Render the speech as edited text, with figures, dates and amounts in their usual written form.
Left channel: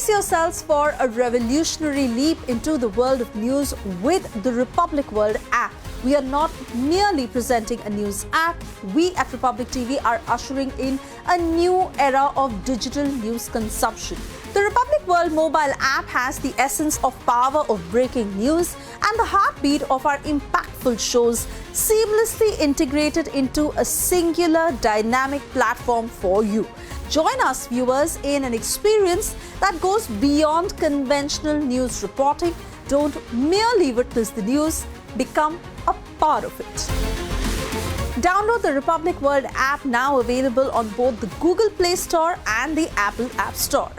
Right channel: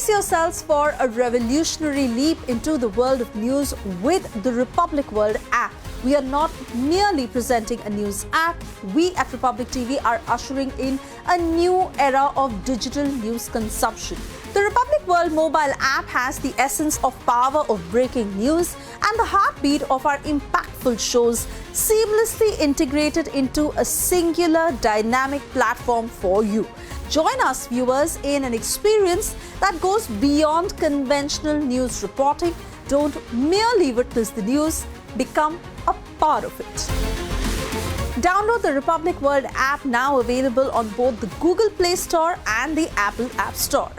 Brace yourselves for a revolutionary leap into the world of news with the Republic World app. We are not merely presenting a news app. We at Republic TV are ushering in a new era of digital news consumption. The Republic World mobile app has the essence of power of breaking news and the heartbeat of our impactful shows seamlessly integrated into a singular dynamic platform for you. Join us, viewers, in an experience that goes beyond conventional news reporting. Don't merely witness the news, become a part of it. Download the Republic World app, now available on both the Google Play Store and the Apple App Store.